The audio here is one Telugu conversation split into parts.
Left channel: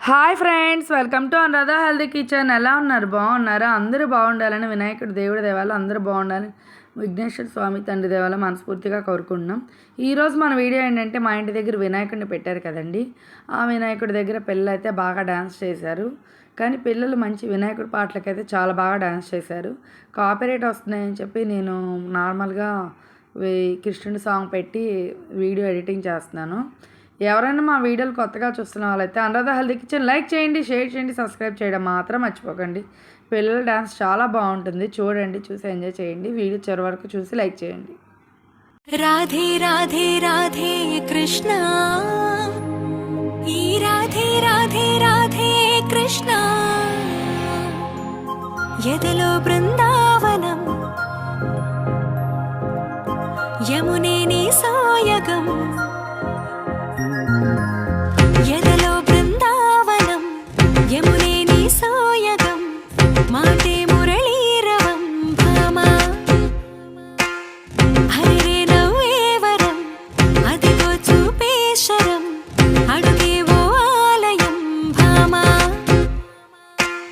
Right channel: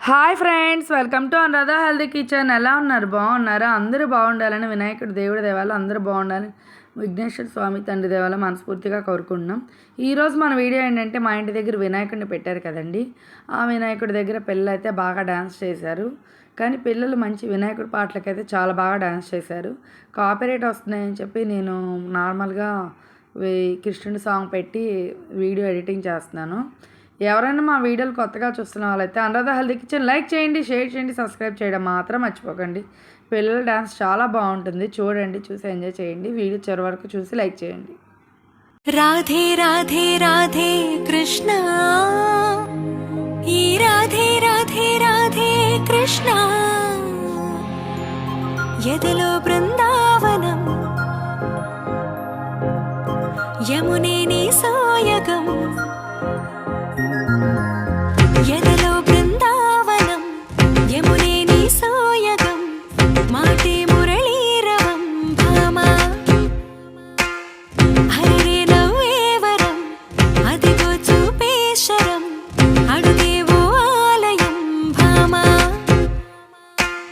Hi friends, welcome to Anuradha healthy kitchen. ఎలా ఉన్నారు? బాగున్నారా? అందరూ బాగుండాలని వినాయకుడి దేవుడి దేవాల అందరూ బాగుండాలని విఘ్నేశ్వర స్వామి తండ్రి దేవాల మనస్ఫూర్తిగా కోరుకుంటున్నాం. ఈరోజు మన వీడియో ఏంటంటే, మా ఇంటి దగ్గర వినాయకుడిని పెట్టారు కదండి. ఆ వినాయకుడి దగ్గర పిల్లలు అయితే బాగా డ్యాన్స్ చేశారు. కానీ పిల్లలు మంచి వినాయకుడి పాటలకైతే చాలా బాగా డ్యాన్స్ చేశారు. కాపీరైట్ వస్తున్నాయని చెప్పి నేను నార్మల్గా కృష్ణుడి సాంగ్ పెట్టి వీడియో ఎడిటింగ్ చేస్తున్నాను. ఎవరైనా మా వీడియోలు కొత్తగా చూస్తున్న వాళ్ళైతే అనురాధ హెల్తీ కిచెన్ లైక్ చేయండి, షేర్ చేయండి, సబ్స్క్రైబ్ చేయడం మాత్రం మర్చిపోకండి. పిల్లల డ్యాన్స్ చాలా బాగుంటుంది, చూడండి, చూసి ఎంజాయ్ చేయండి. వీడియో చివరి వరకు చూసి లైక్ చేయండి. రాధే రాధే రాధే కృష్ణ, ఈ రాధే రాధే రాధే కృష్ణ, ఎదలో బృందావనం, యమునే నీ సాయగం, ఎదలో బృందావనం, యమునే నీ సాయగం, మాటే మురళీరవం భామా, హరిరే నవ్వేవరం, అదిగో చూపేశరం, అడుగేవో ఆలయం భామా.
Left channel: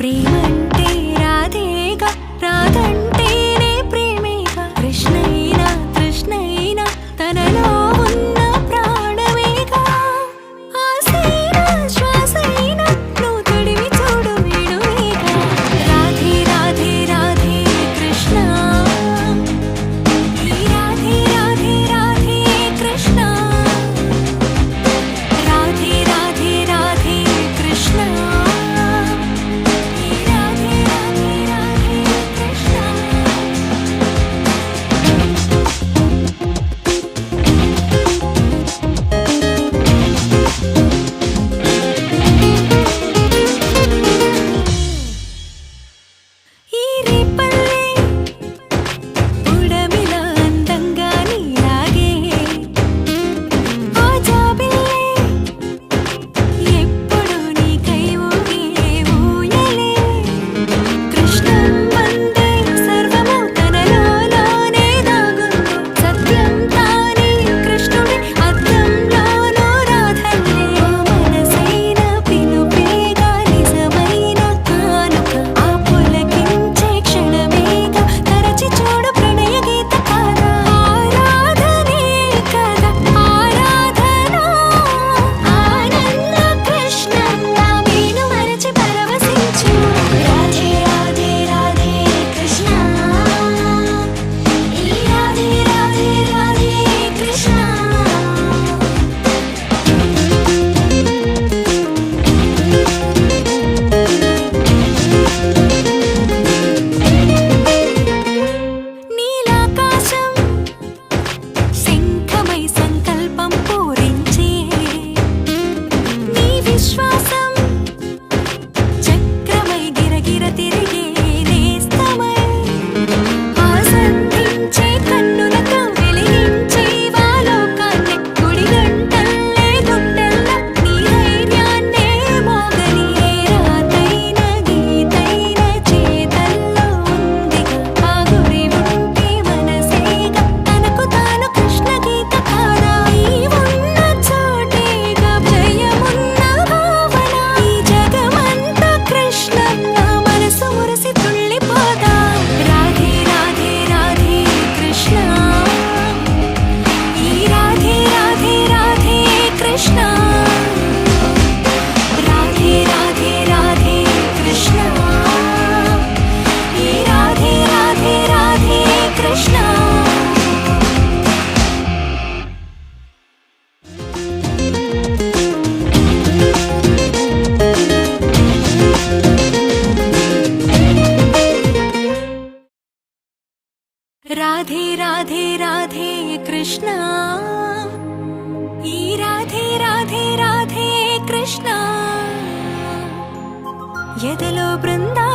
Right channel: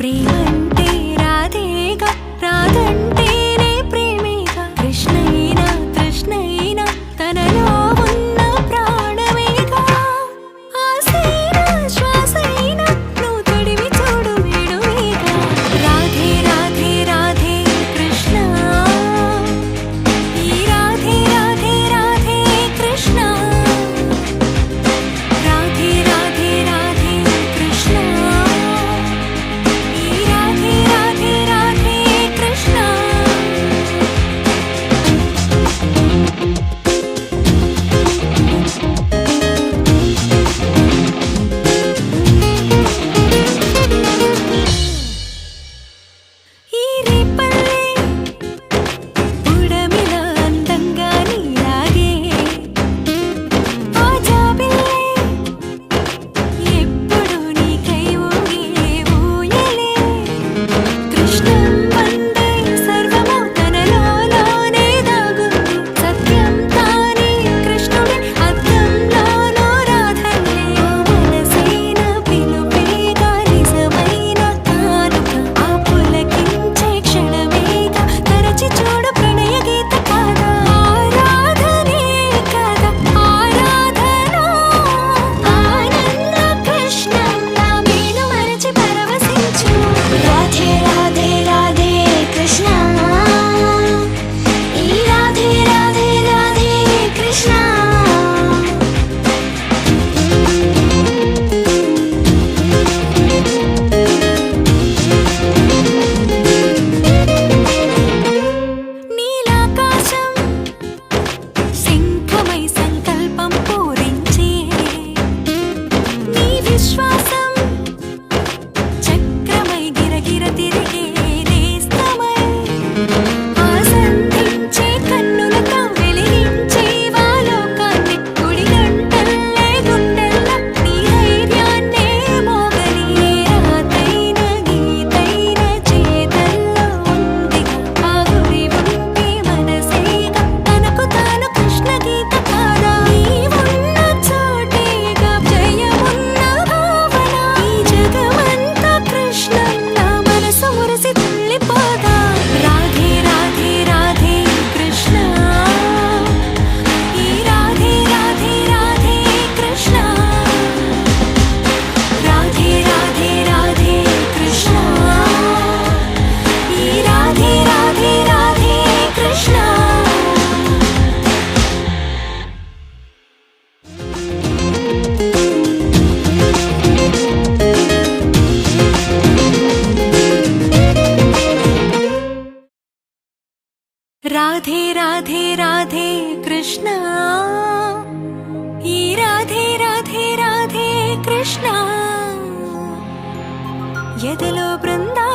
ప్రేమంటే రాధేగా, రాధంటేనే ప్రేమేగా, కృష్ణైనా తృష్ణైనా తనలో ఉన్న ప్రాణమేగా. ఆసైనా శ్వాసైనా నువ్వు తడివి చూడు వీడువేగా. రాధే రాధే రాధే కృష్ణ, ఈ రాధే రాధే రాధే కృష్ణ, రాధే రాధే రాధే కృష్ణ, ఈ రాధే రాధే రాధే కృష్ణ. ఈ రేపల్లె ఉడమిలా అందంగా నీలాగే, ఆ జాబిల్లె ఎప్పుడు నీకై ఊగే ఊయలే. కృష్ణం వందే సర్వము తనలోనే దాగుంది, సత్యం తానే కృష్ణుడే అద్దంలోనూ రాధల్లే. ఓ మనసైన పిలుపేగా, నిజమైన కానుక, ఆ పులకించే క్షణమేగా, తరచి చూడు ప్రణయ గీత కాదా. ఆరాధనే కదా ఆరాధన, ఆనంద కృష్ణంలా మేను మరచి పరవశించు. రాధే రాధే రాధే కృష్ణ, ఈ రాధే రాధే రాధే కృష్ణ. నీలాకాశం శంఖమై సంకల్పం పూరించే, నీ విశ్వాసం చక్రమై గిరగిర తిరిగే నేస్తమై, ఆసంధించే కన్నులతో వెలిగించే వాలోకాన్ని, గుడి గంటల్లే గుండెల్ల నీ ధైర్యాన్నే మోగని. ఏ రాతైన గీతైన చేతల్లో ఉందిగా, ఆ గురి ఉంటే మనసేగా, తనకు తాను కృష్ణ గీత కాదా. నీవున్న చోటేగా జయమున్న భావన, ఈ జగమంతా కృష్ణంలా మనసు మురిసి తుళ్ళిపోగా. రాధే రాధే రాధే కృష్ణ, ఈ రాధే రాధే రాధే కృష్ణ, రాధే రాధే రాధే కృష్ణ, ఈ రాధే రాధే రాధే కృష్ణ. రాధే రాధే రాధే కృష్ణ, ఈ రాధే రాధే రాధే కృష్ణ, ఎదలో బృందా